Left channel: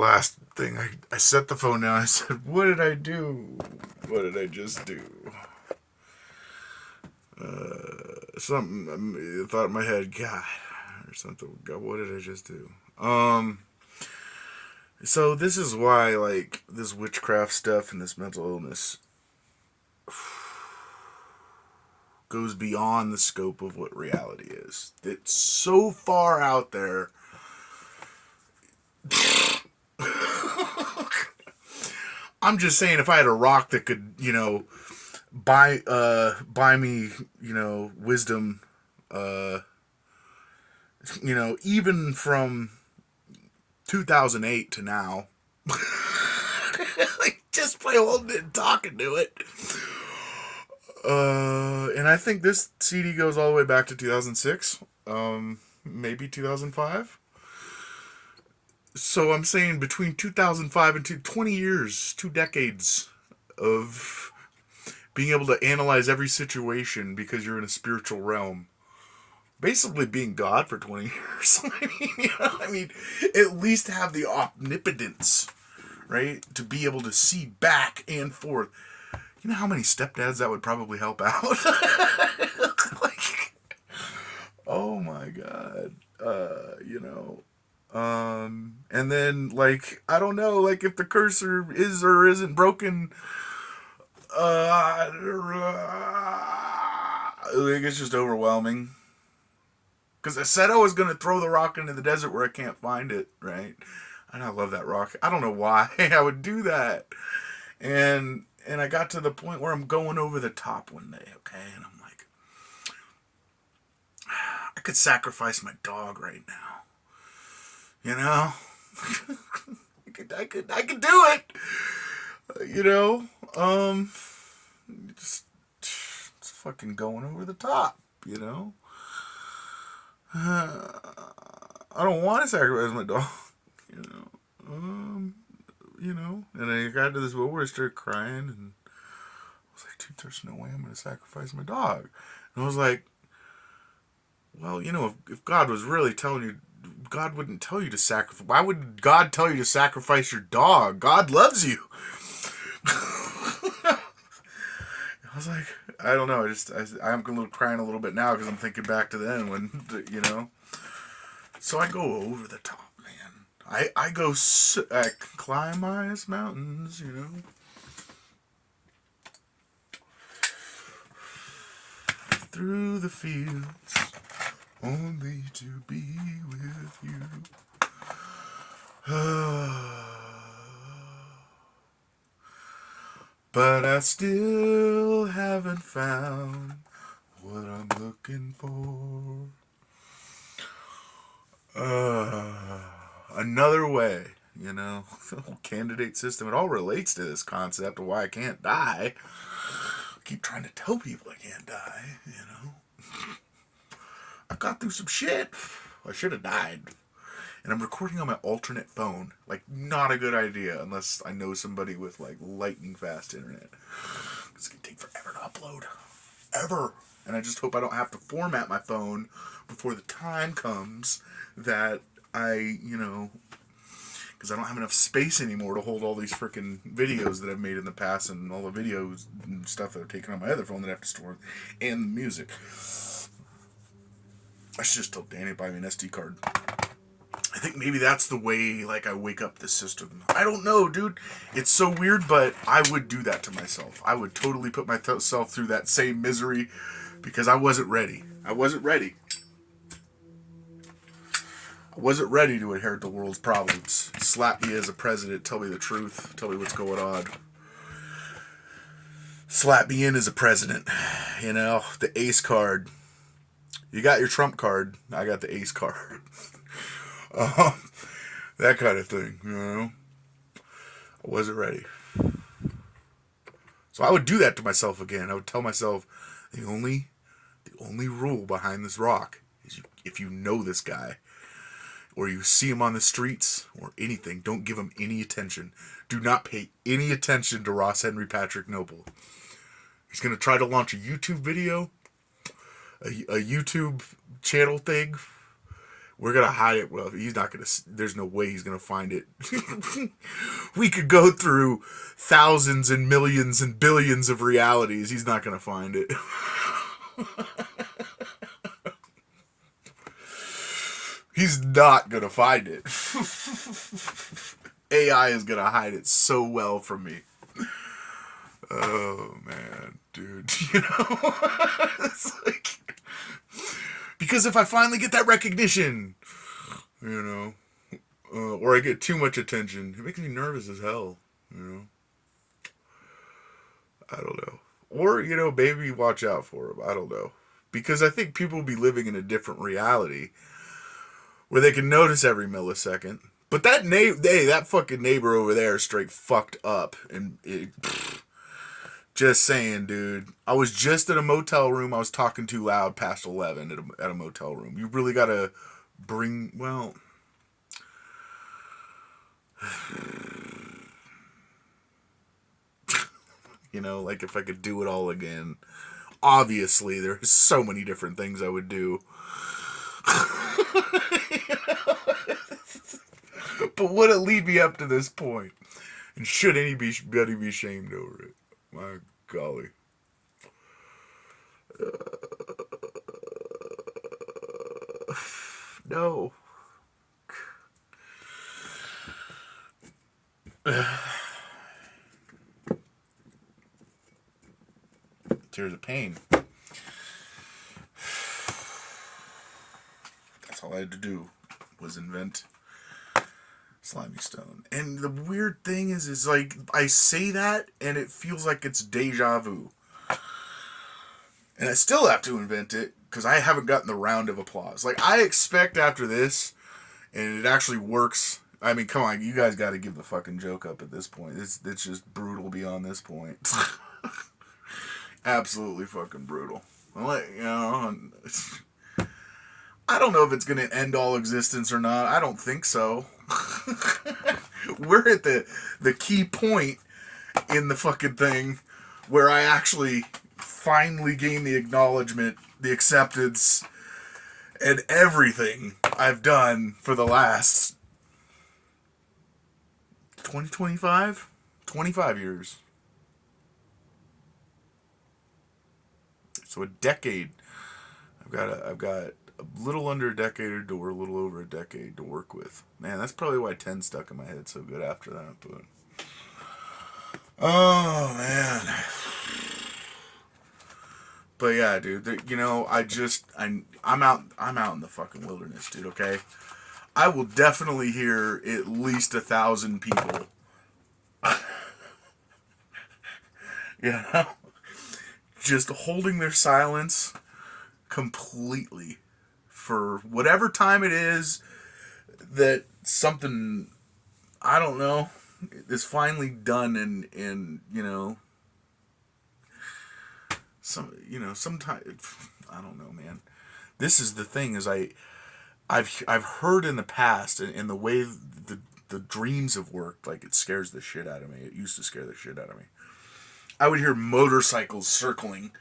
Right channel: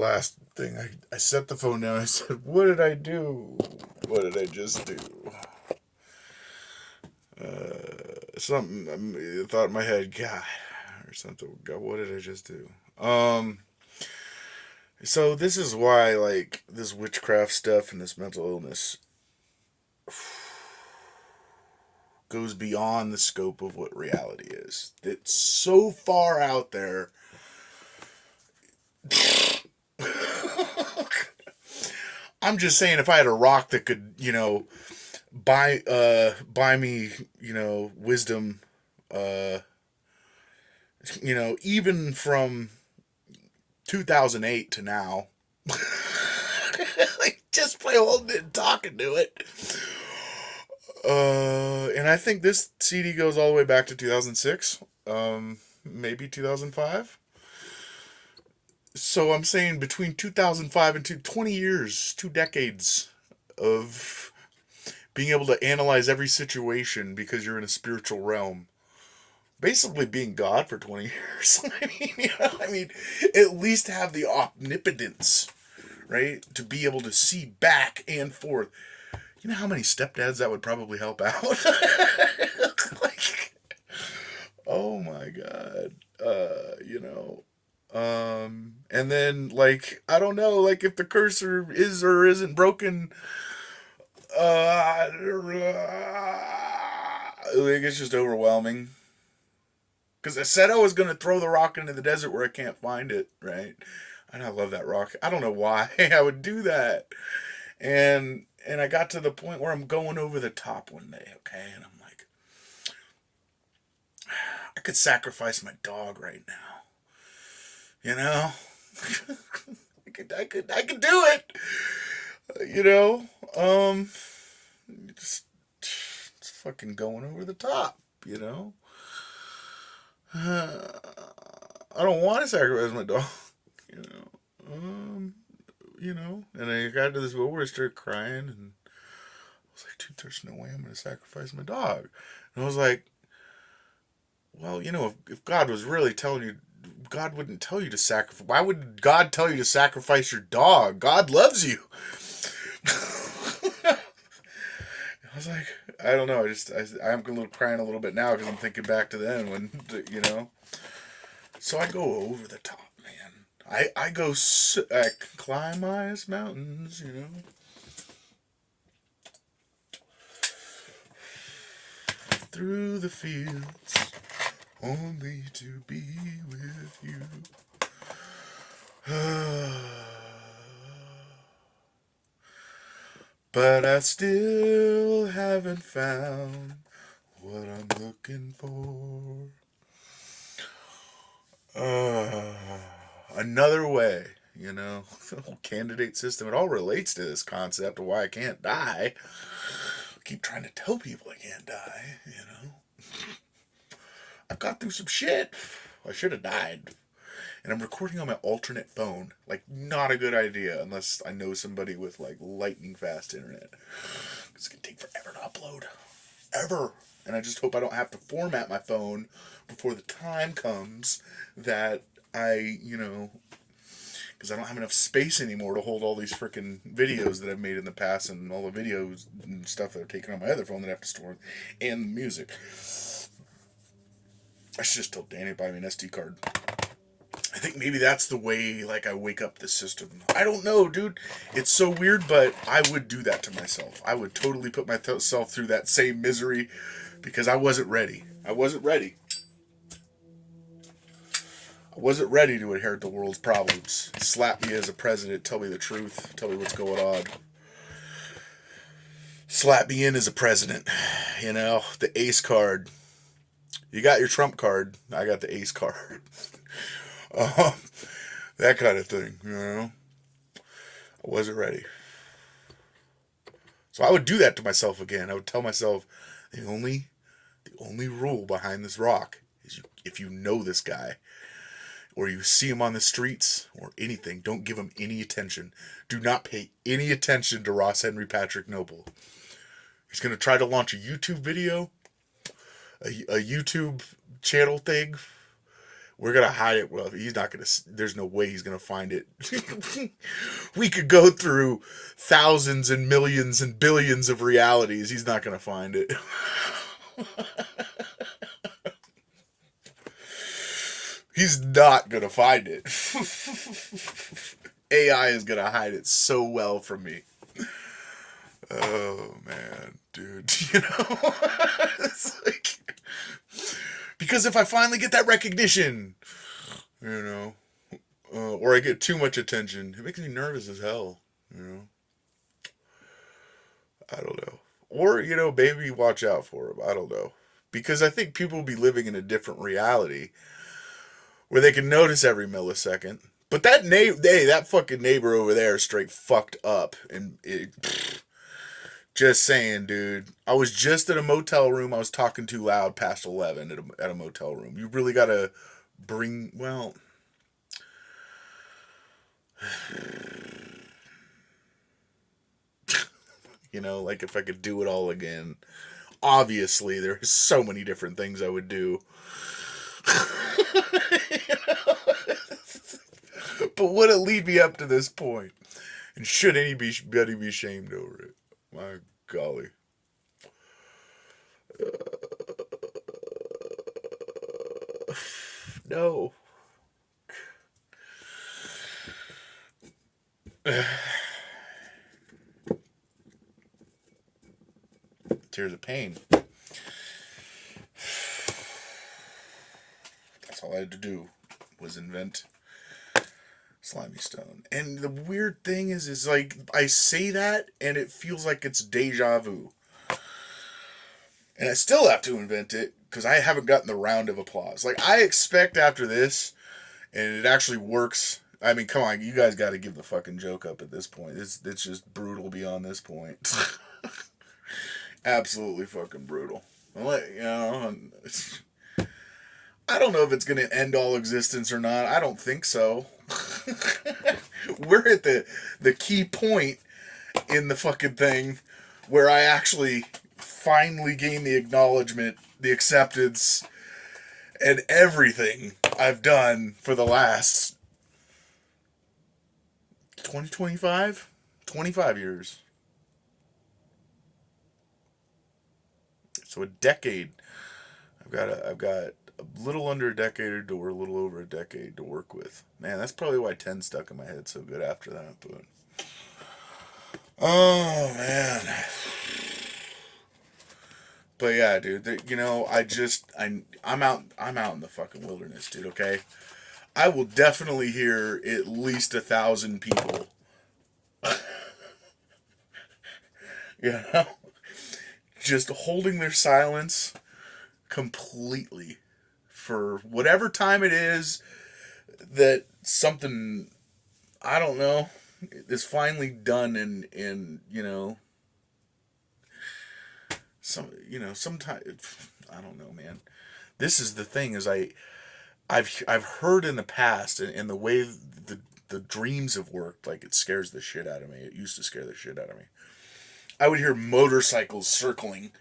last thing, I set the phone down. I said, what did I do? What did I just do? Something, I thought in my head, God, or something. God, what did I just do? So this is why, like, this witchcraft stuff and this mental illness goes beyond the scope of what reality is. It's so far out there. I'm just saying, if I had a rock that could, buy me, wisdom, even from 2008 to now, like, just by holding it and talking to it. And I think this CD goes all the way back to 2006, maybe 2005. So I'm saying between 2005 and 20 years, 2 decades of being able to analyze every situation because you're in a spiritual realm. Basically being God for 20 years. I mean, at least have the omnipotence, right? To be able to see back and forth. You know how many stepdads that would probably help out? Like, oh my God. And then, like, I don't know, like, if the cursor is or isn't broken, like, it's just overwhelming. Because I said I was going to throw the rock into the desert where I can't find it, right? And I love that rock. I don't know why I would do that. And I got to the point where I'm going over the top one day, okay? And I'm like, I could sacrifice my dog right now. You know? I could do it. You know? Just it's fucking going over the top, you know? I don't want to sacrifice my dog, you know. And I got to this moment where I started crying, and I was like, dude, there's no way I'm going to sacrifice my dog. And I was like, well, if God was really telling you, God wouldn't tell you to sacrifice. Why would God tell you to sacrifice your dog? God loves you. I was like, I don't know. I'm a little crying a little bit now because I'm thinking back to then when, So I go over the top, man. I climb highest mountains, through the fields, only to be with you. But I still haven't found what I'm looking for. Another way, candidate system. It all relates to this concept of why I can't die. I keep trying to tell people I can't die, I got through some shit. I should have died. And I'm recording on my alternate phone. Like, not a good idea unless I know somebody with, like, lightning fast internet. It's going to take forever to upload. Ever. And I just hope I don't have to format my phone before the time comes that I, because I don't have enough space anymore to hold all these freaking videos that I've made in the past and all the videos and stuff that I've taken on my other phone that I have to store, and the music. I should just tell Danny to buy me an SD card. I think maybe that's the way, like, I wake up the system. I don't know, dude. It's so weird, but I would do that to myself. I would totally put myself through that same misery because I wasn't ready. I wasn't ready. I wasn't ready to inherit the world's problems. Slap me as a president. Tell me the truth. Tell me what's going on. Slap me in as a president. The ace card. You got your trump card. I got the ace card. That kind of thing, I wasn't ready. So I would do that to myself again. I would tell myself, the only rule behind this rock is if you know this guy, or you see him on the streets, or anything, don't give him any attention. Do not pay any attention to Ross Henry Patrick Noble. He's going to try to launch a YouTube video, a YouTube channel thing, We're gonna hide it. Well, he's not gonna. There's no way he's gonna find it. We could go through thousands and millions and billions of realities. He's not gonna find it. He's not gonna find it. AI is gonna hide it so well from me. Oh man, dude. You know, it's like, because if I finally get that recognition, you know, or I get too much attention, it makes me nervous as hell. You know, I don't know. Or, you know, maybe watch out for him. I don't know. Because I think people will be living in a different reality where they can notice every millisecond. But that fucking neighbor over there is straight fucked up. And just saying, dude. I was just in a motel room. I was talking too loud past 11 at a motel room. You really gotta bring, well... You know, like if I could do it all again. Obviously, there's so many different things I would do. But would it lead me up to this point? And should anybody be ashamed over it? My golly. No. Tears of pain. That's all I had to do was invent Slimey Stone. And the weird thing is like, I say that and it feels like it's deja vu. And I still have to invent it because I haven't gotten the round of applause. Like, I expect after this, and it actually works. I mean, come on, you guys got to give the fucking joke up at this point. It's just brutal beyond this point. Absolutely fucking brutal. You know, I don't know if it's going to end all existence or not. I don't think so. We're at the key point in the fucking thing where I actually finally gain the acknowledgement, the acceptance, and everything I've done for the last 25 years. So a decade. I've got a little under a decade or a little over a decade to work with. Man, that's probably why 10 stuck in my head so good after that. But oh man. But yeah, dude. You know, I'm out in the fucking wilderness, dude. Okay, I will definitely hear at least 1,000 people. You know, just holding their silence completely for whatever time it is that something, I don't know, is finally done. And you know, sometimes, I don't know, man. This is the thing, is I've heard in the past, and the way the dreams have worked, like, it scares the shit out of me. It used to scare the shit out of me. I would hear motorcycles circling,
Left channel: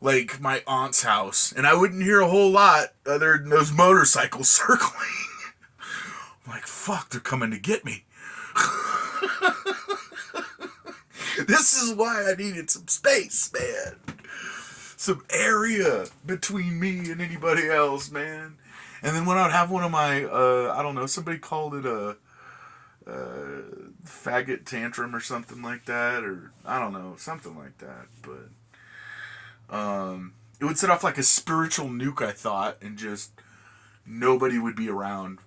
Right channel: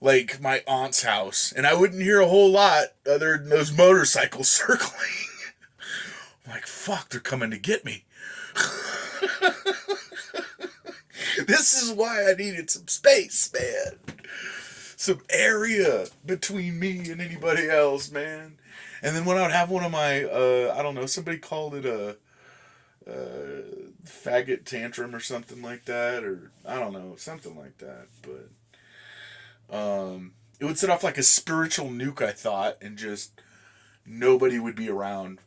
like my aunt's house, and I wouldn't hear a whole lot other than those motorcycles circling. I'm like, fuck, they're coming to get me. This is why I needed some space, man. Some area between me and anybody else, man. And then when I would have one of my, I don't know, somebody called it a faggot tantrum or something like that, or I don't know, something like that. But it would set off like a spiritual nuke, I thought, and just nobody would be around.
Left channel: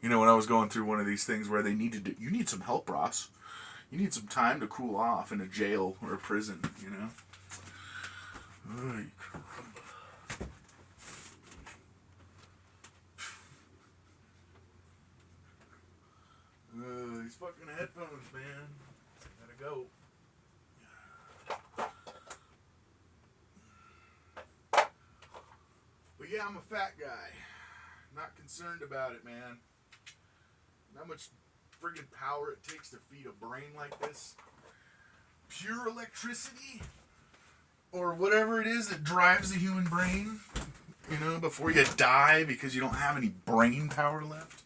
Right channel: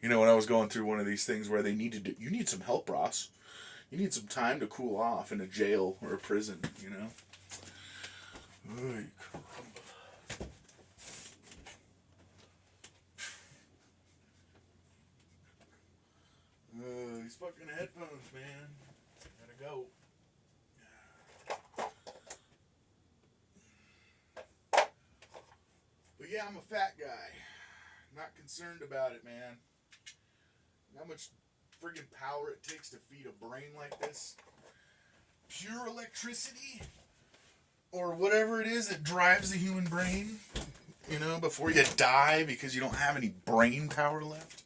You know, when I was going through one of these things where they needed you need some help, Ross. You need some time to cool off in a jail or a prison, you know. These fucking headphones, man. Gotta go. But yeah, I'm a fat guy. Not concerned about it, man. How much friggin' power it takes to feed a brain like this. Pure electricity, or whatever it is that drives the human brain, you know, before you die because you don't have any brain power left.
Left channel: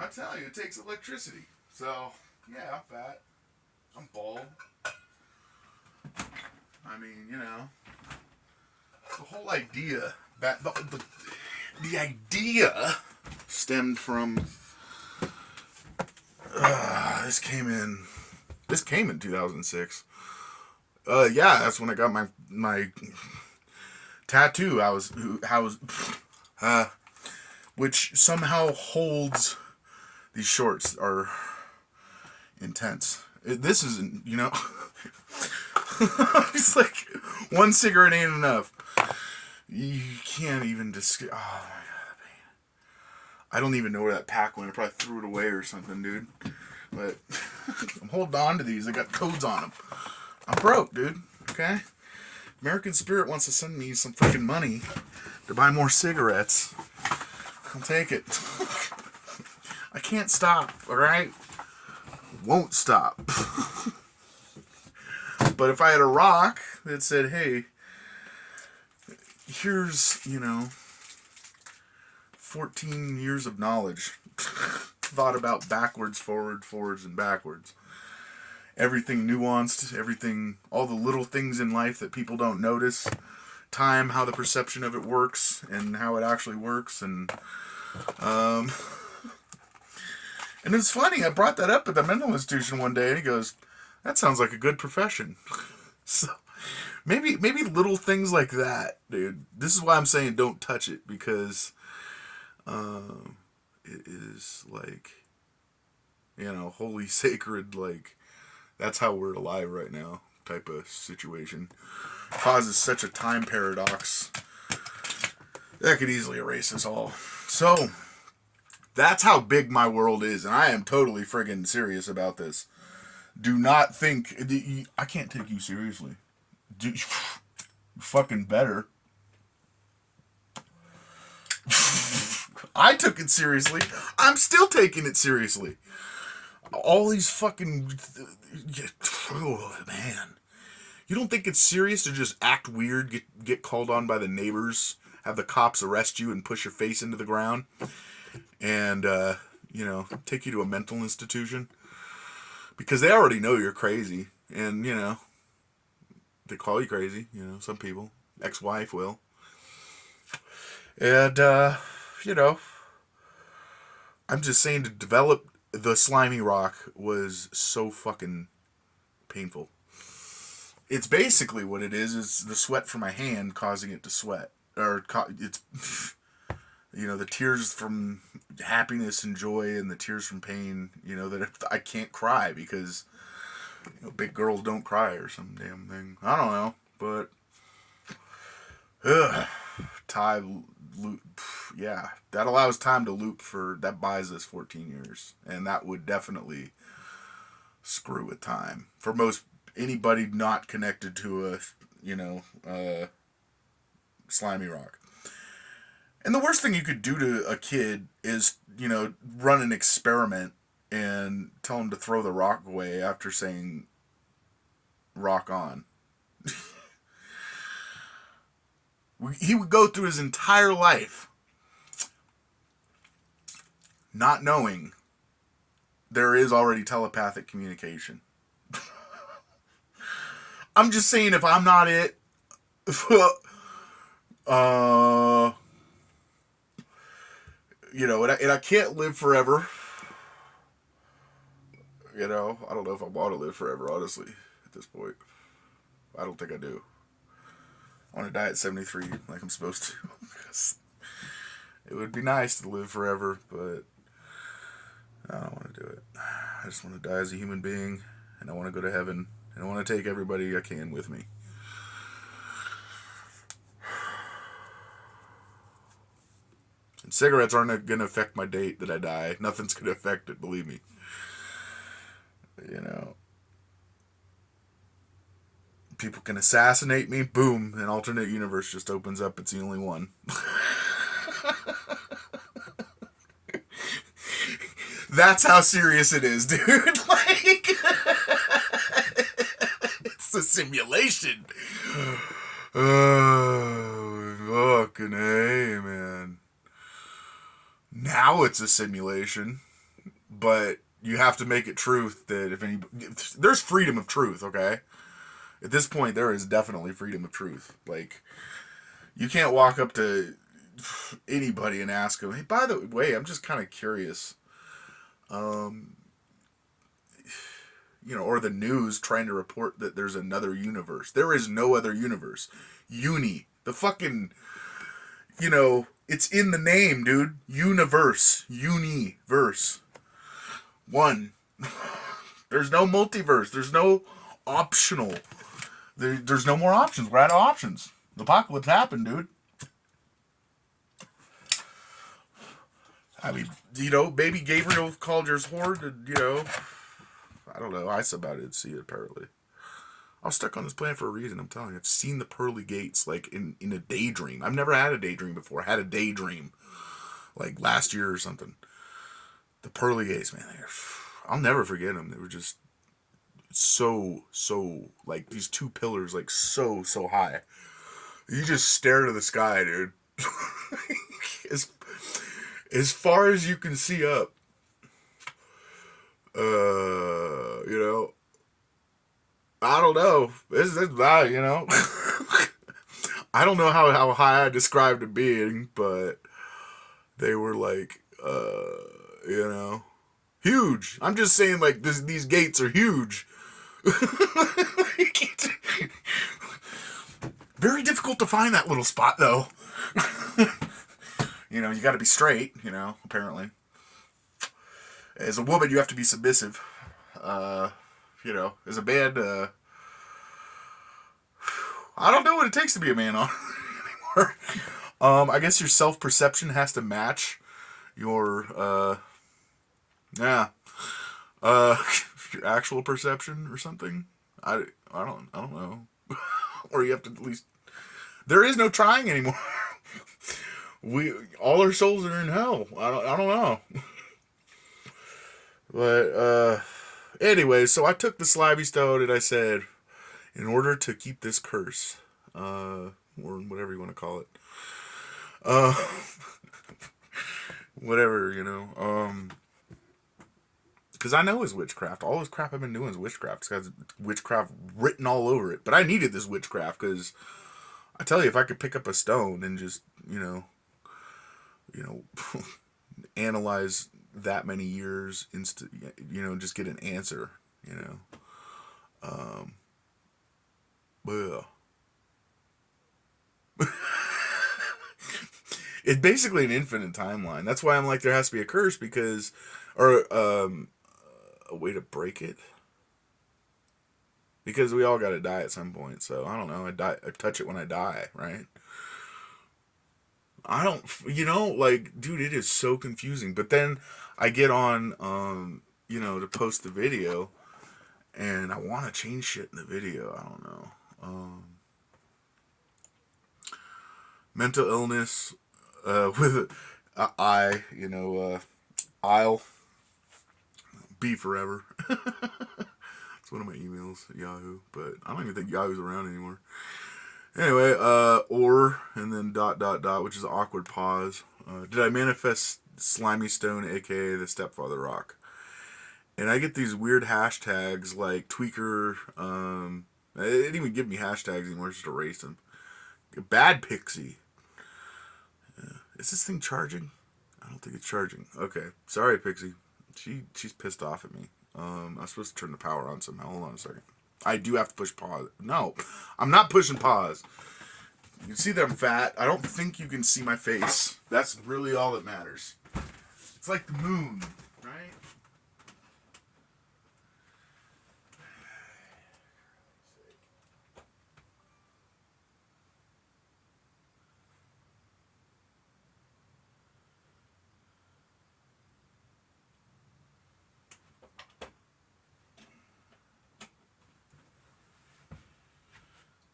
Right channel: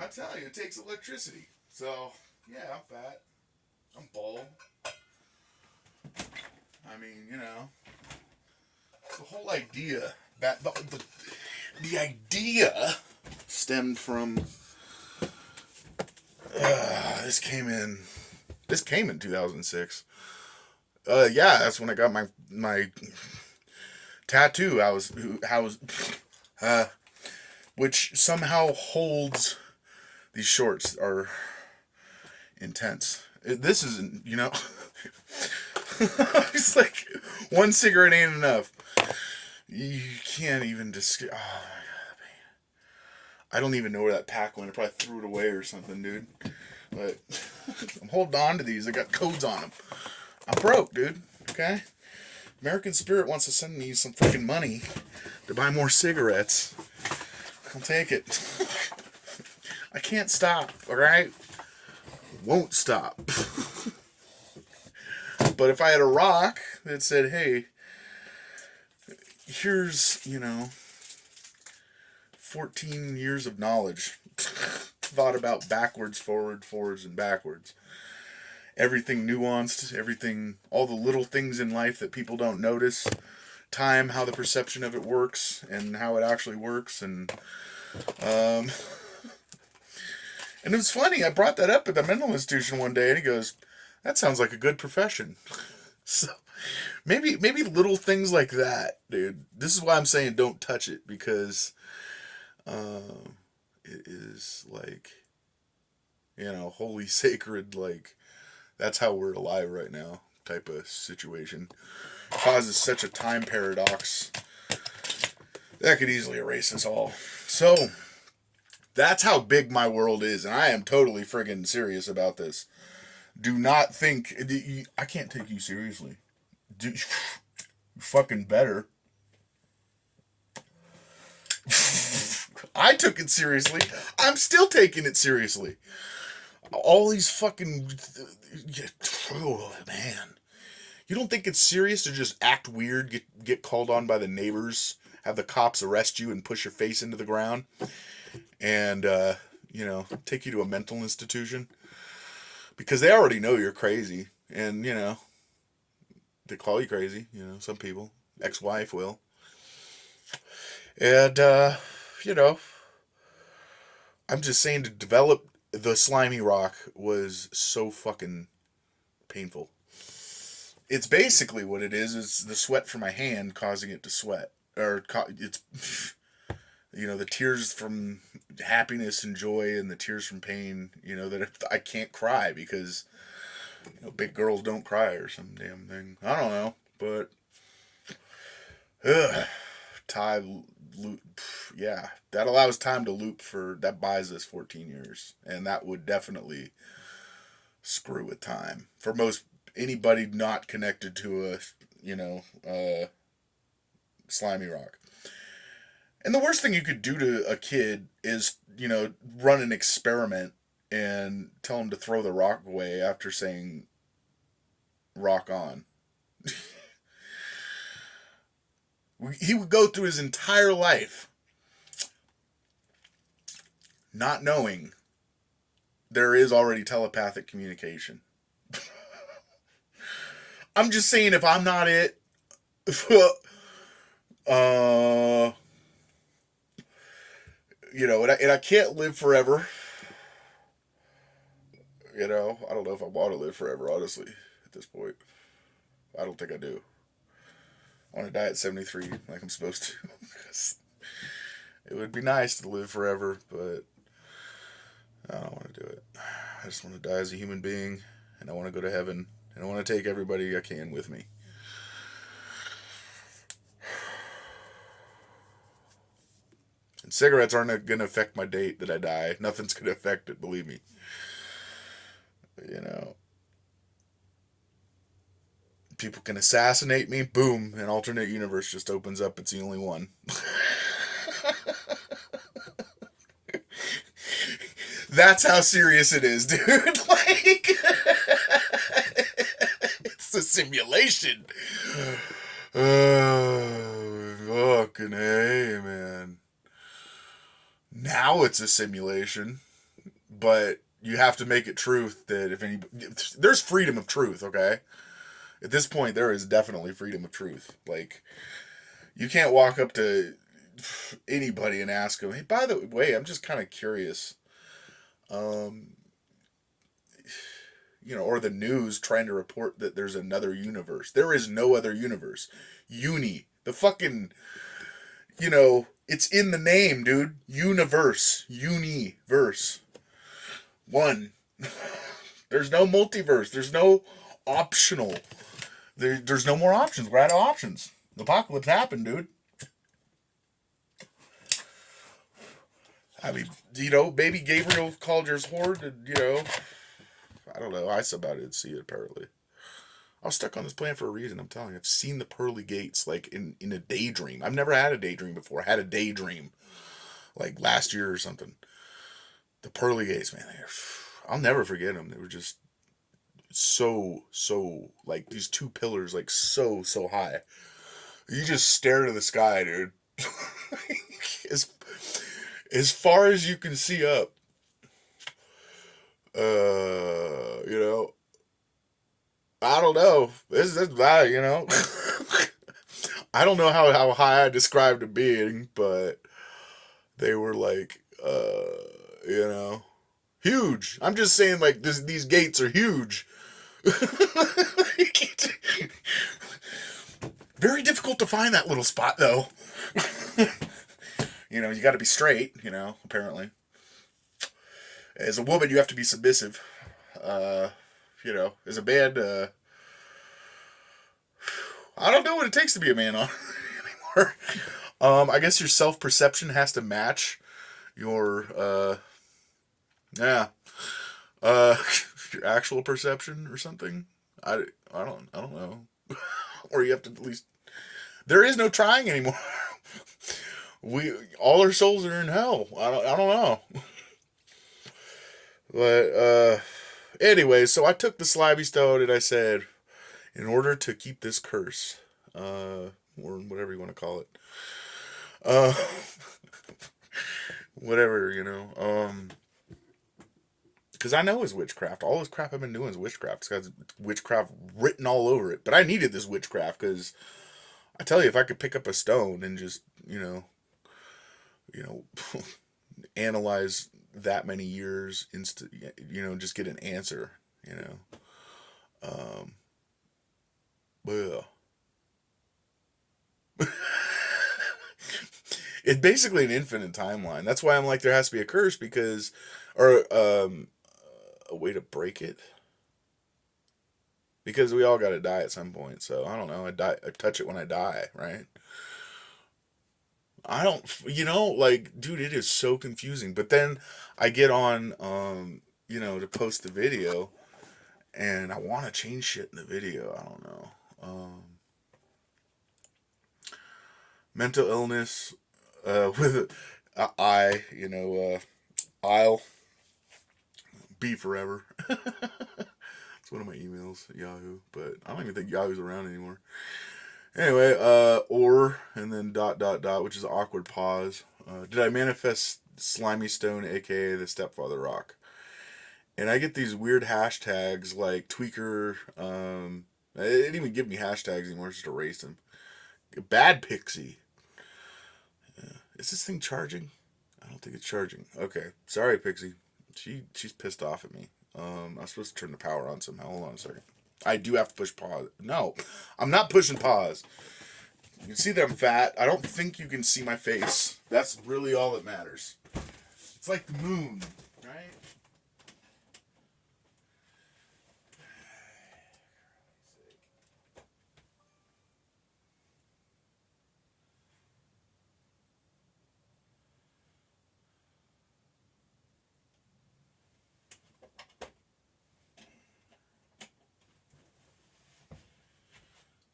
I tell you, it takes electricity. So, yeah, I'm fat. I'm bald. I mean, you know, the whole idea, the idea stemmed from, this came in 2006. Yeah, that's when I got my tattoo. Which somehow holds, these shorts are intense. This isn't, you know, it's like one cigarette ain't enough. You can't even describe. Oh my god, I don't even know where that pack went. I probably threw it away or something, dude. But I'm holding on to these. I got codes on them. I'm broke, dude. Okay? American Spirit wants to send me some freaking money to buy more cigarettes. I'll take it. I can't stop, alright? Won't stop. But if I had a rock that said, hey, here's, you know, 14 years of knowledge thought about backwards, forwards, and backwards. Everything nuanced, everything, all the little things in life that people don't notice. Time, how the perception of it works, and how it actually works, and it's funny, I brought that up at the mental institution one day, and he goes, that sounds like a good profession. So, maybe little things like that, dude. This is why I'm saying don't touch it, because it is like, you know, holy sacred, like, that's how we're alive right now type of situation. Causes such a time paradox that could easily erase us all. So, that's how big my world is, and I am totally friggin' serious about this. Do not think, I can't take you seriously. You fucking better. I took it seriously. I'm still taking it seriously. All these fucking, oh man. You don't think it's serious to just act weird, get called on by the neighbors, have the cops arrest you and push your face into the ground, and, you know, take you to a mental institution? Because they already know you're crazy, and, you know, they call you crazy, you know, some people. Ex-wife will. And, you know, I'm just saying, to develop the slimy rock was so fucking painful. It's basically what it is. It's the sweat from my hand causing it to sweat. Or it's, you know, the tears from happiness and joy and the tears from pain, you know, that I can't cry because, you know, big girls don't cry or some damn thing. I don't know, but time loop, yeah, that allows time to loop that buys us 14 years, and that would definitely screw with time for anybody not connected to a, you know, slimy rock. And the worst thing you could do to a kid is, you know, run an experiment and tell him to throw the rock away after saying rock on. He would go through his entire life not knowing there is already telepathic communication. I'm just saying, if I'm not it, you know, and I can't live forever. You know, I don't know if I want to live forever, honestly, at this point. I don't think I do. I want to die at 73 like I'm supposed to. It would be nice to live forever, but I don't want to do it. I just want to die as a human being, and I want to go to heaven, and I want to take everybody I can with me. And cigarettes aren't going to affect my date that I die. Nothing's going to affect it, believe me. You know. People can assassinate me, boom, an alternate universe just opens up. It's the only one. That's how serious it is, dude. Like, it's a simulation. Fucking A, man. Now it's a simulation, but you have to make it truth that if any, there's freedom of truth, okay? At this point, there is definitely freedom of truth. Like, you can't walk up to anybody and ask them, hey, by the way, I'm just kind of curious. Um, or the news trying to report that there's another universe. There is no other universe. Uni. The fucking, it's in the name, dude. Universe. Universe. One. There's no multiverse. There's no optional. There's no more options. We're out of options. The apocalypse happened, dude. I mean, baby Gabriel called yours horde, I don't know. I didn't see it, apparently. I was stuck on this planet for a reason, I'm telling you. I've seen the pearly gates, like, in a daydream. I've never had a daydream before. I had a daydream, like, last year or something. The pearly gates, man, I'll never forget them. They were just so, like, these two pillars, like, so high. You just stare to the sky, dude. As far as you can see up. I don't know. This is I don't know how high I described it being, but they were like, huge. I'm just saying, like, these gates are huge. Very difficult to find that little spot, though. You got to be straight, apparently. As a woman, you have to be submissive. As a man, I don't know what it takes to be a man anymore. I guess your self-perception has to match your, your actual perception or something. I don't know. Or you have to at least, there is no trying anymore. All our souls are in hell. I don't know. But, anyway, so I took the Slimey Stone and I said, in order to keep this curse, or whatever you want to call it, whatever, because I know it's witchcraft. All this crap I've been doing is witchcraft. It's got witchcraft written all over it. But I needed this witchcraft because I tell you, if I could pick up a stone and just, analyze that many years, just get an answer, well, it's basically an infinite timeline. That's why I'm like, there has to be a curse or a way to break it. Because we all got to die at some point. So I don't know. I touch it when I die, right? I don't, like, dude, it is so confusing. But then I get on, to post the video, and I want to change shit in the video. I don't know. Mental illness, with I'll be forever. It's one of my emails at Yahoo, but I don't even think Yahoo's around anymore. Anyway, and then ... which is an awkward pause. Did I manifest Slimey Stone, aka the Stepfather Rock? And I get these weird hashtags like tweaker. They didn't even give me hashtags anymore. I just erased them. Bad Pixie. Is this thing charging? I don't think it's charging. Okay, sorry, Pixie. She's pissed off at me. I'm supposed to turn the power on somehow. Hold on a second. I do have to push pause. No, I'm not pushing pause. You can see that I'm fat. I don't think you can see my face. That's really all that matters. It's like the moon, right?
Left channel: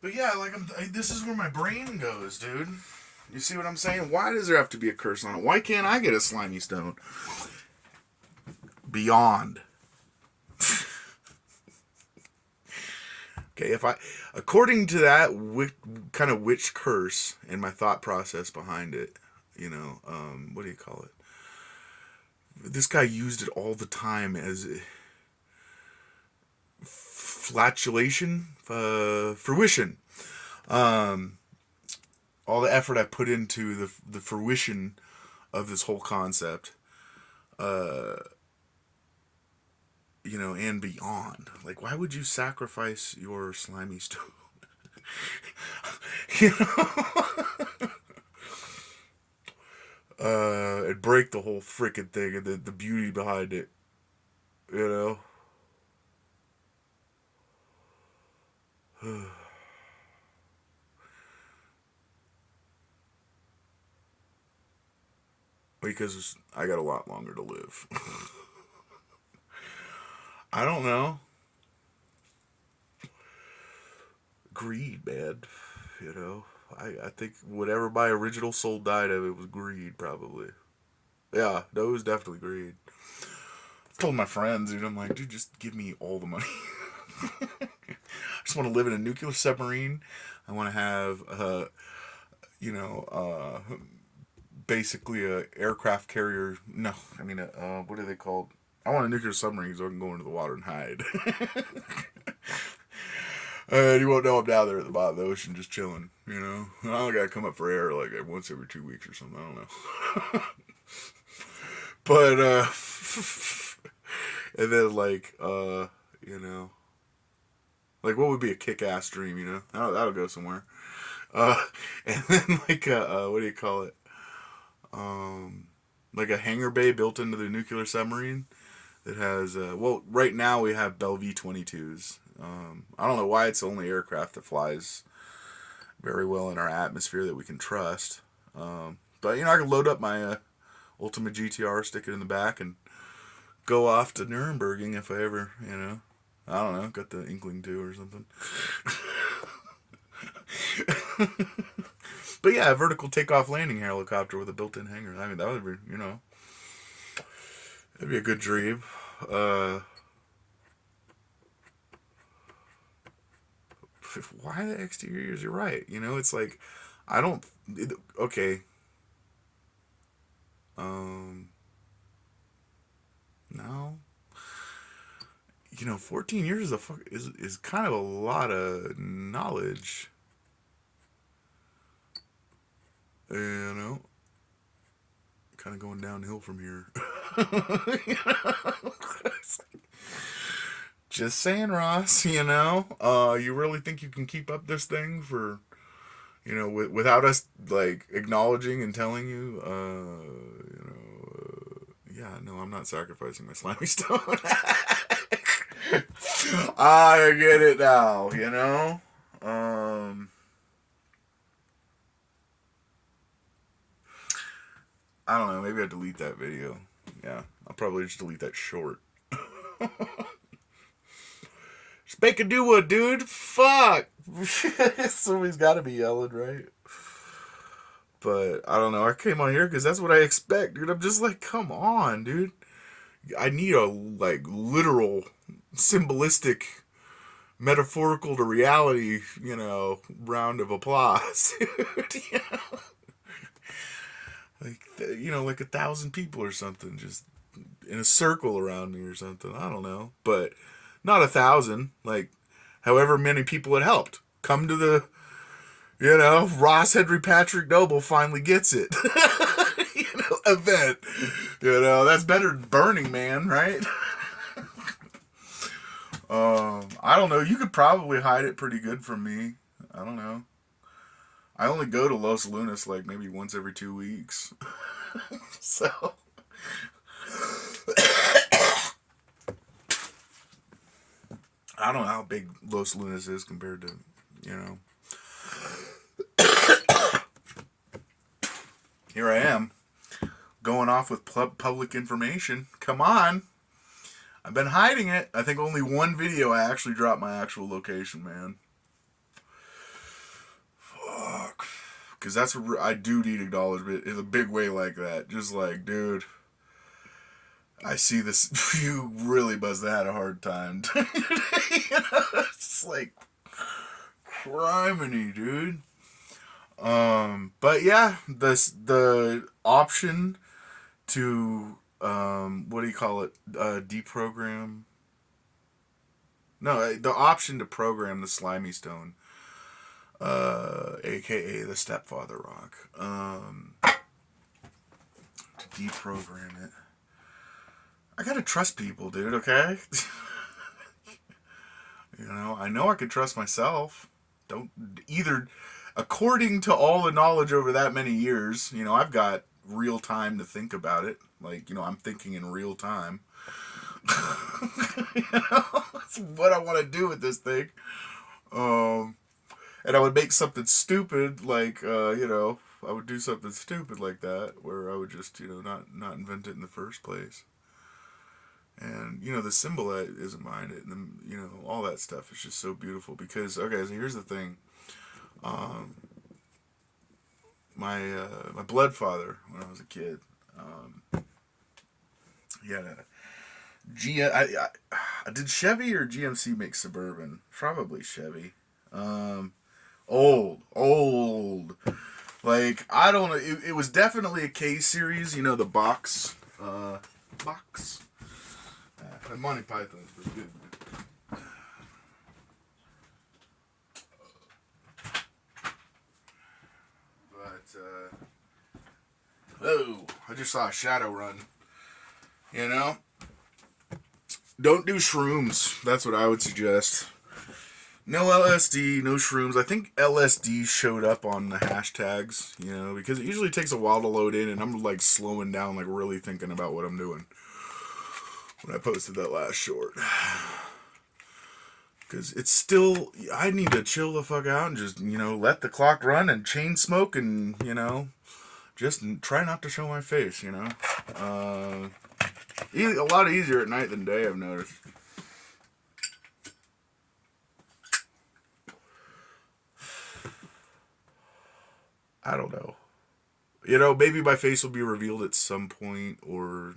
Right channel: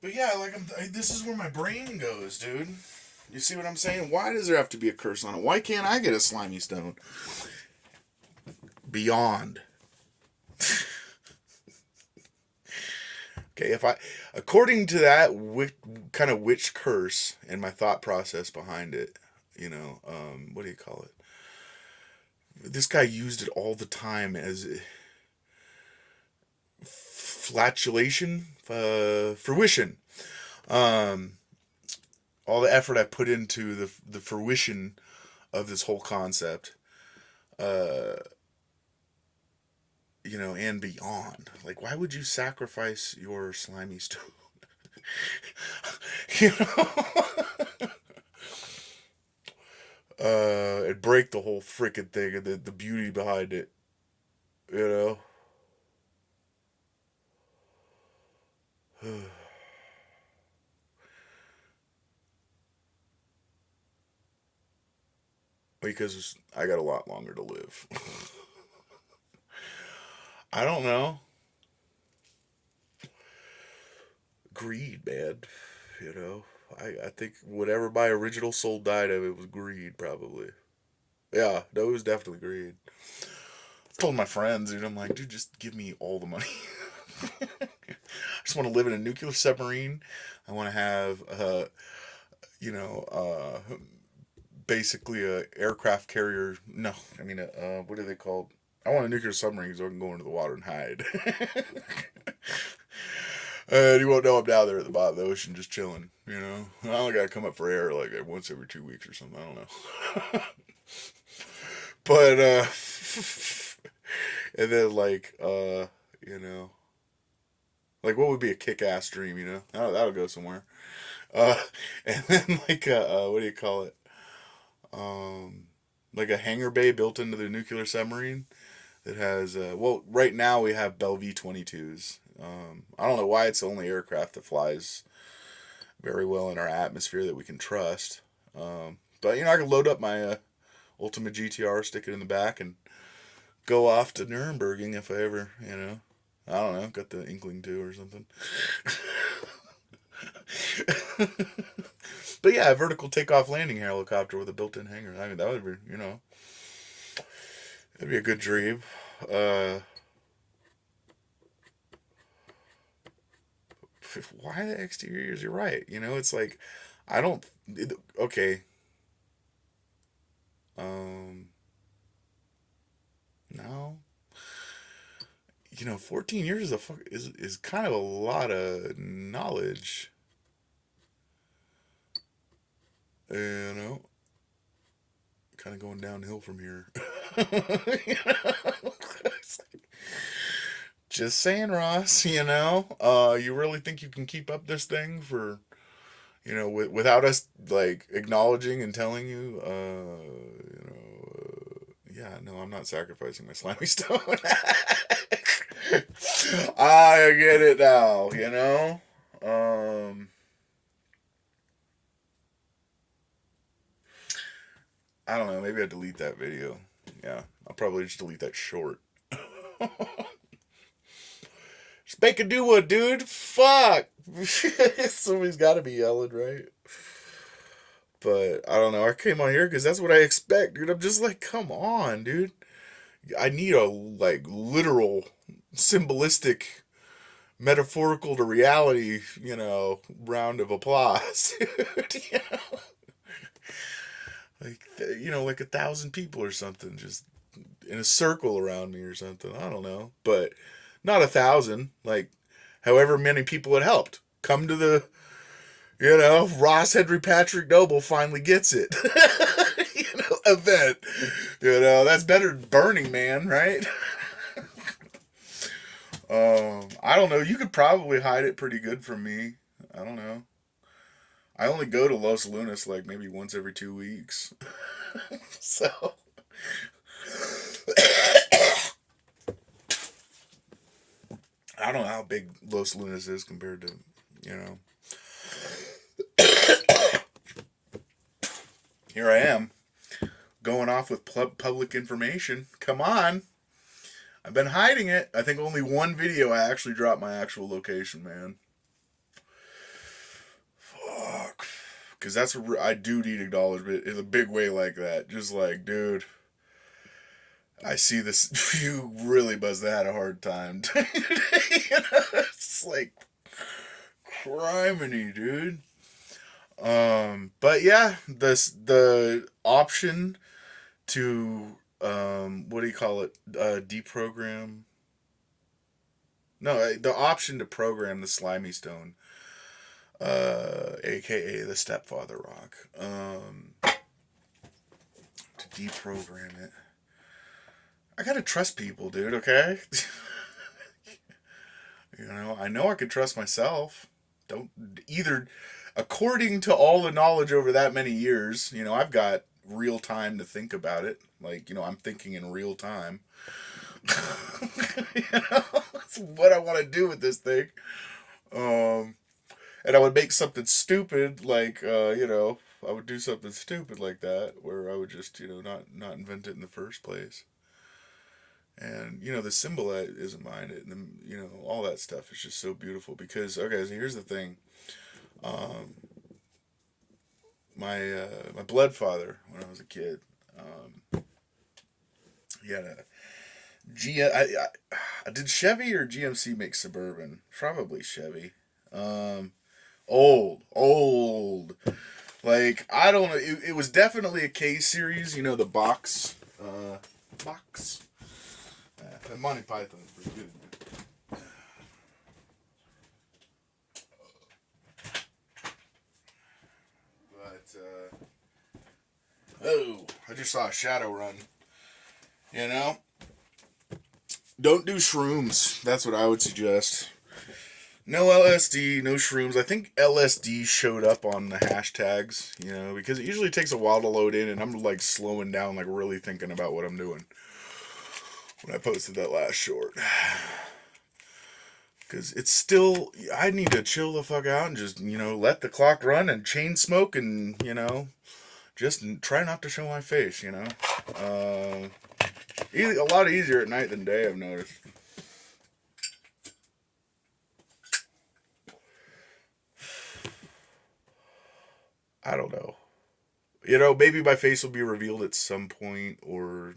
But yeah, like, this is where my brain goes, dude. You see what I'm saying? Why does there have to be a curse on it? Why can't I get a Slimey Stone? Beyond. Okay, according to that kind of witch curse and my thought process behind it, what do you call it? This guy used it all the time as flatulation, fruition. Um, all the effort I put into the fruition of this whole concept, uh, and beyond. Like, why would you sacrifice your slimy stone? you know, and break the whole freaking thing and the beauty behind it. You know. Because I got a lot longer to live. I don't know. Greed, man. I think whatever my original soul died of, it was greed, probably. Yeah, no, it was definitely greed. I told my friends, dude, I'm like, dude, just give me all the money. I just want to live in a nuclear submarine. I want to have, you know, uh, basically a aircraft carrier. No, I mean, what are they called? I want a nuclear submarine so I can go into the water and hide. And you won't know I'm down there at the bottom of the ocean just chilling, I only gotta come up for air like once every 2 weeks or something, I don't know. But, and then you know, like what would be a kick-ass dream, That'll go somewhere. Uh, and then what do you call it? Um, like a hangar bay built into the nuclear submarine that has, right now we have Bell V-22s. I don't know why it's the only aircraft that flies very well in our atmosphere that we can trust. But I can load up my Ultima GTR, stick it in the back, and go off to Nuremberging if I ever, I don't know, got the inkling to or something. But yeah, a vertical takeoff landing helicopter with a built-in hangar. I mean, that would be, that'd be a good dream. Why the exteriors? You're right. It's like, I don't. Okay. No. 14 years is kind of a lot of knowledge. Kind of going downhill from here. Just saying, Ross. You really think you can keep up this thing for, without us like acknowledging and telling you, yeah, no, I'm not sacrificing my slimy stone. I get it now, I don't know. Maybe I delete that video. Yeah, I'll probably just delete that short. Just make a new one, dude. Fuck. Somebody's got to be yelling, right? But I don't know. I came on here because that's what I expect, dude. I'm just like, come on, dude. I need a literal, symbolistic, metaphorical to reality, round of applause, dude. Like 1,000 people or something, just in a circle around me or something. I don't know, but not 1,000. Like, however many people it helped come to the, Ross Henry Patrick Noble finally gets it, event. That's better than Burning Man, right? I don't know. You could probably hide it pretty good from me. I don't know. I only go to Los Lunas like maybe once every 2 weeks. So. I don't know how big Los Lunas is compared to, Here I am, going off with public information. Come on. I've been hiding it. I think only one video I actually dropped my actual location, man. Fuck. Because I do need acknowledgement in a big way like that. Just like, dude, I see this. You really must have had a hard time. It's like, Criminy, dude. But yeah, the option to what do you call it? Deprogram. No, the option to program the Slimey Stone, aka the Stepfather Rock, to deprogram it. I gotta trust people, dude. Okay. I know I can trust myself. Don't either. According to all the knowledge over that many years, I've got real time to think about it. Like, I'm thinking in real time. That's what I want to do with this thing. And I would make something stupid, like, I would do something stupid like that, where I would just, not invent it in the first place. And the symbol that isn't mine, and all that stuff is just so beautiful. Because okay, so here's the thing. My blood father, when I was a kid, he had a did Chevy or GMC make Suburban? Probably Chevy. Old. Like, I don't know. It was definitely a K series. The box. Box. Monty Python is pretty good. Oh, I just saw a shadow run. Don't do shrooms. That's what I would suggest. No LSD, no shrooms. I think LSD showed up on the hashtags, because it usually takes a while to load in, and I'm like slowing down, like really thinking about what I'm doing when I posted that last short. Because it's still, I need to chill the fuck out and just, let the clock run and chain smoke and, just try not to show my face, a lot easier at night than day, I've noticed. I don't know. Maybe my face will be revealed at some point, or,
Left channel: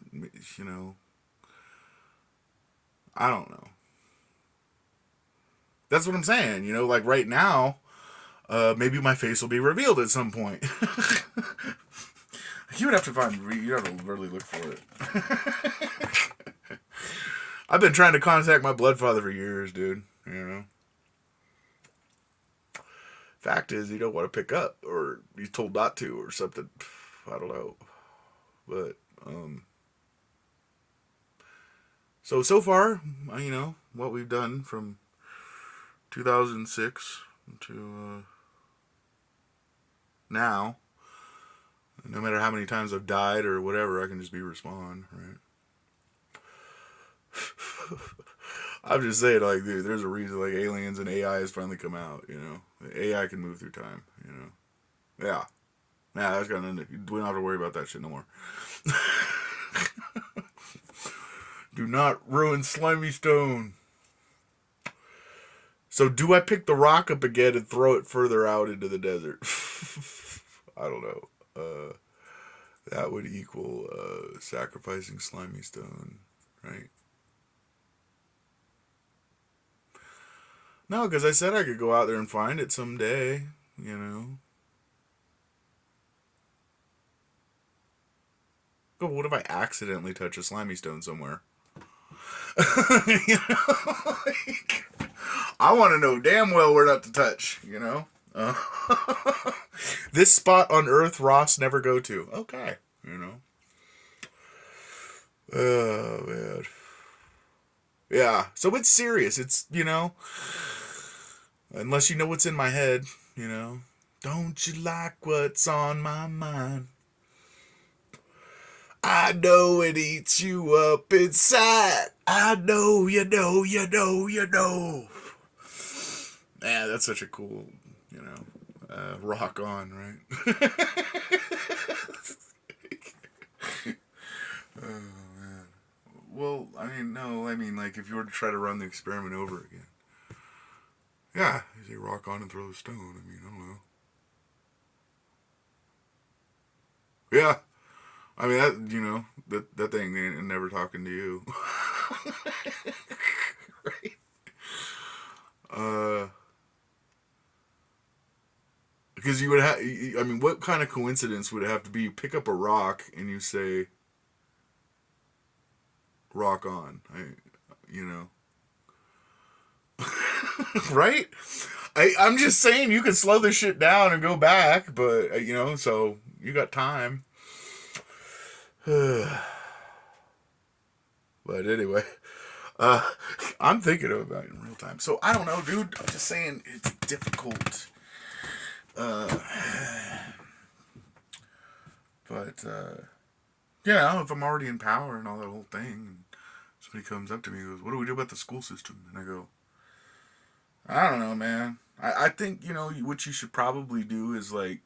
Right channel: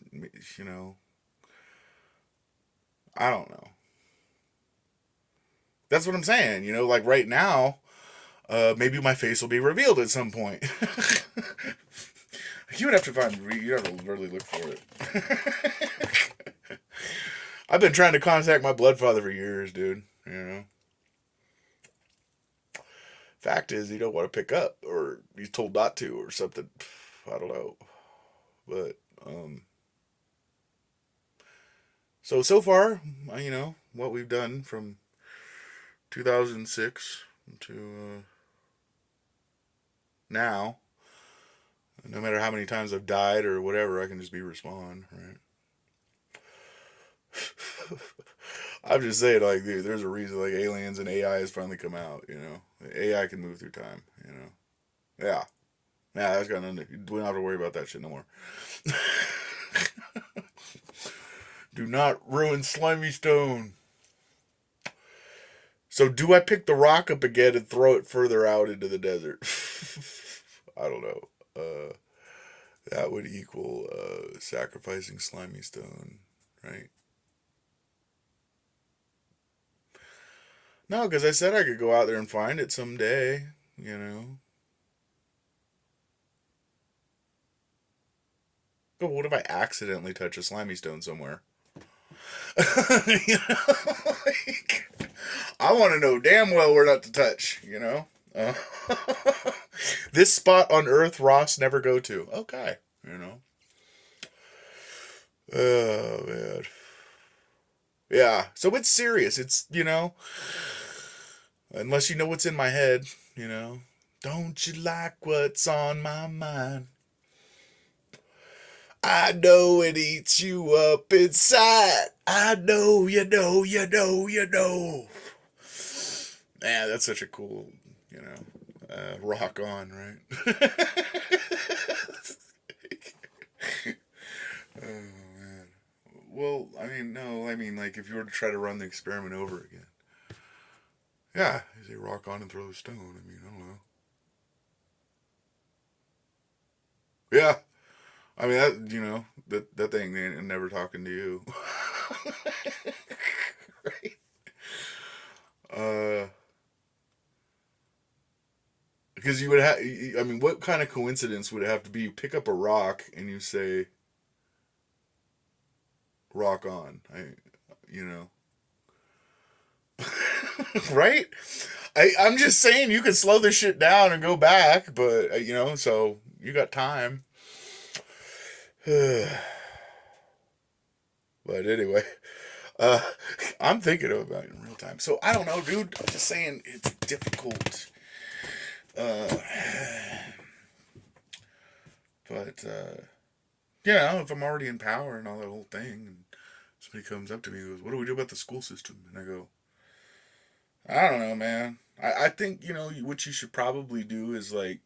I don't know. That's what I'm saying, like right now, maybe my face will be revealed at some point. You would have to you have to really look for it. I've been trying to contact my blood father for years, dude, Fact is, he don't want to pick up, or he's told not to, or something. I don't know. But, so far, what we've done from 2006 to now, no matter how many times I've died or whatever, I can just respond, right? I'm just saying, like, dude, there's a reason, like, aliens and AI has finally come out, AI can move through time, Yeah. Yeah, that's got nothing. We don't have to worry about that shit no more. Do not ruin Slimey Stone. So, do I pick the rock up again and throw it further out into the desert? I don't know. That would equal sacrificing Slimey Stone, right? No, because I said I could go out there and find it someday, But what if I accidentally touch a Slimy Stone somewhere? Like, I want to know damn well where not to touch, This spot on Earth Ross never go to. Okay, Oh, man. Yeah, so it's serious. It's, unless you know what's in my head, Don't you like what's on my mind? I know it eats you up inside. I know, you know. Man, that's such a cool, rock on, right? Oh, man. Well, like, if you were to try to run the experiment over again. Yeah, you say rock on and throw the stone. I don't know. Yeah. That thing ain't never talking to you. Right? Uh, Because you would have, I mean, what kind of coincidence would it have to be? You pick up a rock and you say, rock on. You know. Right? I'm just saying you can slow this shit down and go back, but, you know, so you got time. But anyway, uh, I'm thinking about it in real time. So I don't know, dude. I'm just saying it's difficult. Uh, but, you know, if I'm already in power and all that whole thing, and somebody comes up to me and goes, what do we do about the school system? And I go, I don't know, man. I think, you know, what you should probably do is, like,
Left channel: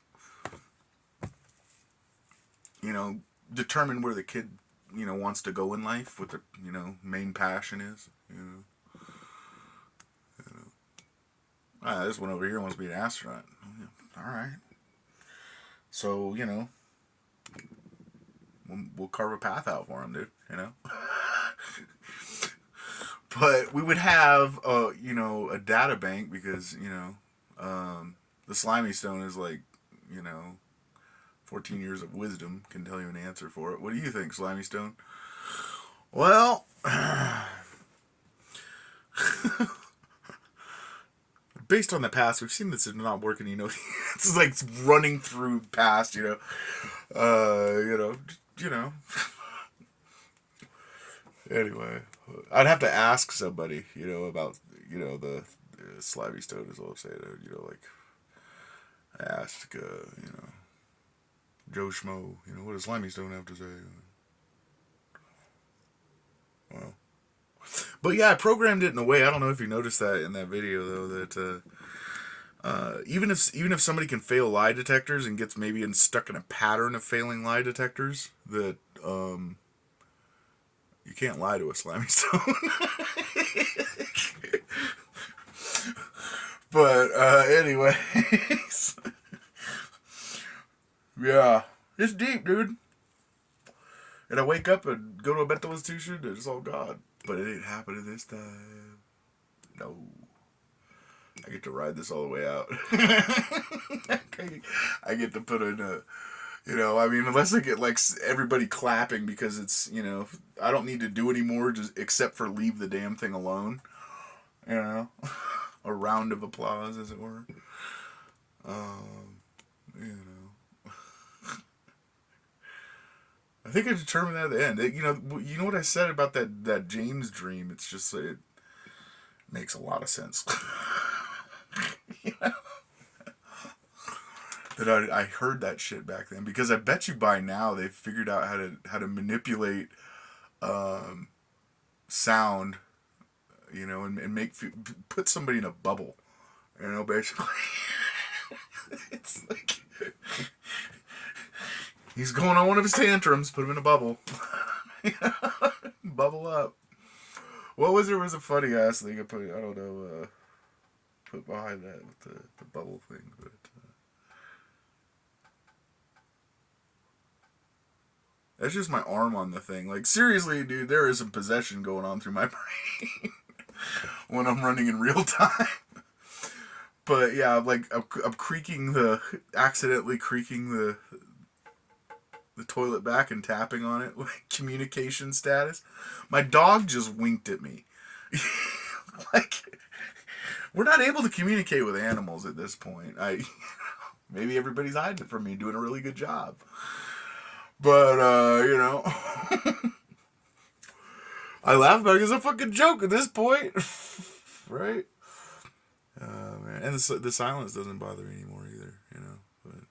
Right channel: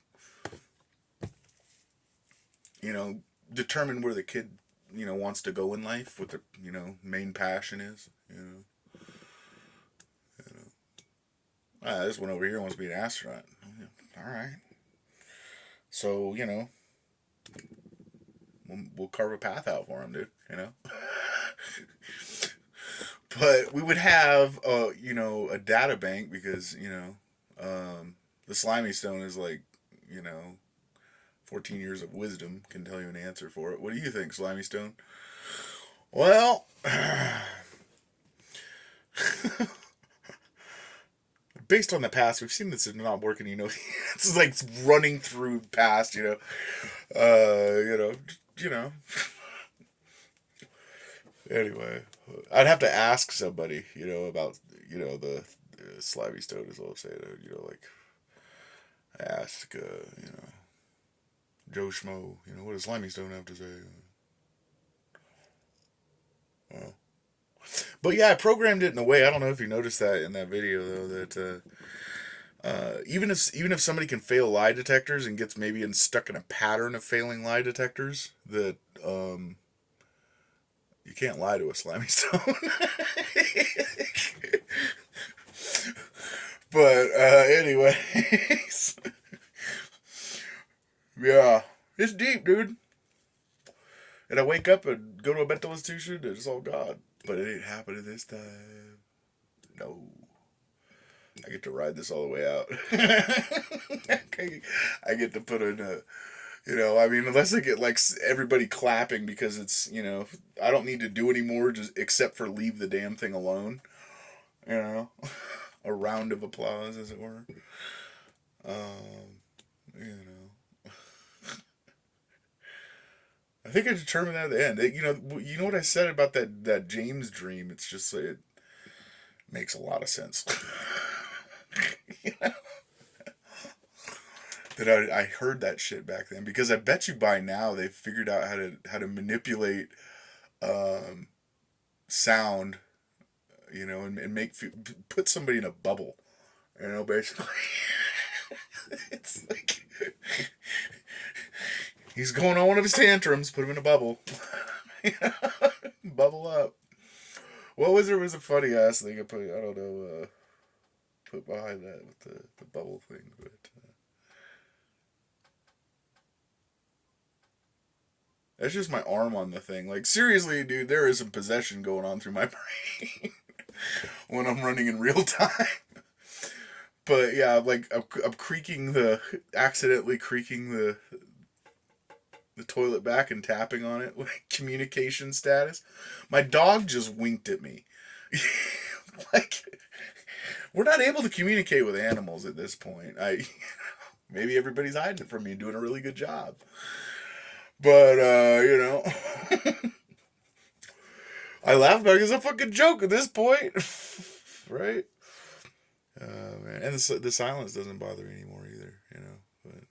you know, determine where the kid, you know, wants to go in life, what their, you know, main passion is, you know. This one over here wants to be an astronaut. All right. So, you know, we'll carve a path out for him, dude, you know. But we would have, you know, a data bank because, you know, the Slimey Stone is like, you know, 14 years of wisdom can tell you an answer for it. What do you think, Slimey Stone? Well, based on the past, we've seen this is not working. You know, it's like running through past. You know, you know. Anyway, I'd have to ask somebody, you know, about, you know, the Slimy Stone, as I'll say it. You know, like ask, you know, Joe Schmo, you know, what does Slimy Stone have to say? Well, but yeah, I programmed it in a way. I don't know if you noticed that in that video though. That even if somebody can fail lie detectors and gets maybe stuck in a pattern of failing lie detectors, that you can't lie to a Slimy Stone. But anyways, yeah, it's deep, dude. And I wake up and go to a mental institution, and it's all God. But it ain't happening this time. No. I get to ride this all the way out. I get to put in a, you know, I mean, unless I get like everybody clapping because it's, you know, I don't need to do anymore just except for leave the damn thing alone. You know, a round of applause, as it were. You know, I think I determined that at the end. You know what I said about that James dream. It's just it makes a lot of sense. You know? That I heard that shit back then because I bet you by now they've figured out how to manipulate sound, you know, and put somebody in a bubble, you know, basically. It's like he's going on one of his tantrums, put him in a bubble. Bubble up. What was there was a funny ass thing I put, I don't know, put behind that with the bubble thing, but that's just my arm on the thing. Like, seriously, dude, there is some possession going on through my brain when I'm running in real time. But yeah, like I'm accidentally creaking the toilet back and tapping on it, like communication status. My dog just winked at me. Like, we're not able to communicate with animals at this point. Maybe everybody's hiding it from me, doing a really good job. But you know, I laugh about it as a fucking joke at this point, right? Man. And the silence doesn't bother me anymore either, you know. But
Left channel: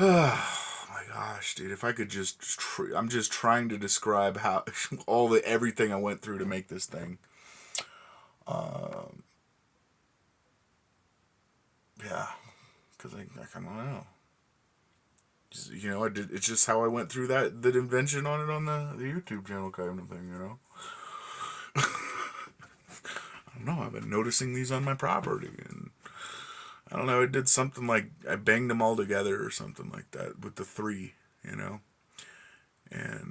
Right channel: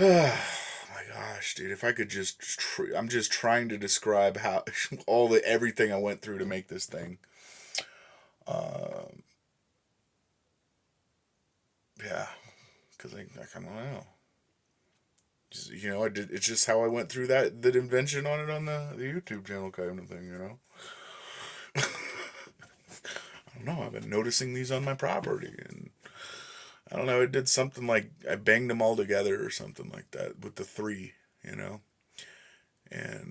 oh my gosh, dude! If I could just, I'm just trying to describe how everything I went through to make this thing. Yeah, because I don't know. Just, you know, it's just how I went through that invention on it on the YouTube channel kind of thing, you know. I don't know. I've been noticing these on my property, and I don't know. It did something like I banged them all together or something like that with the three, you know.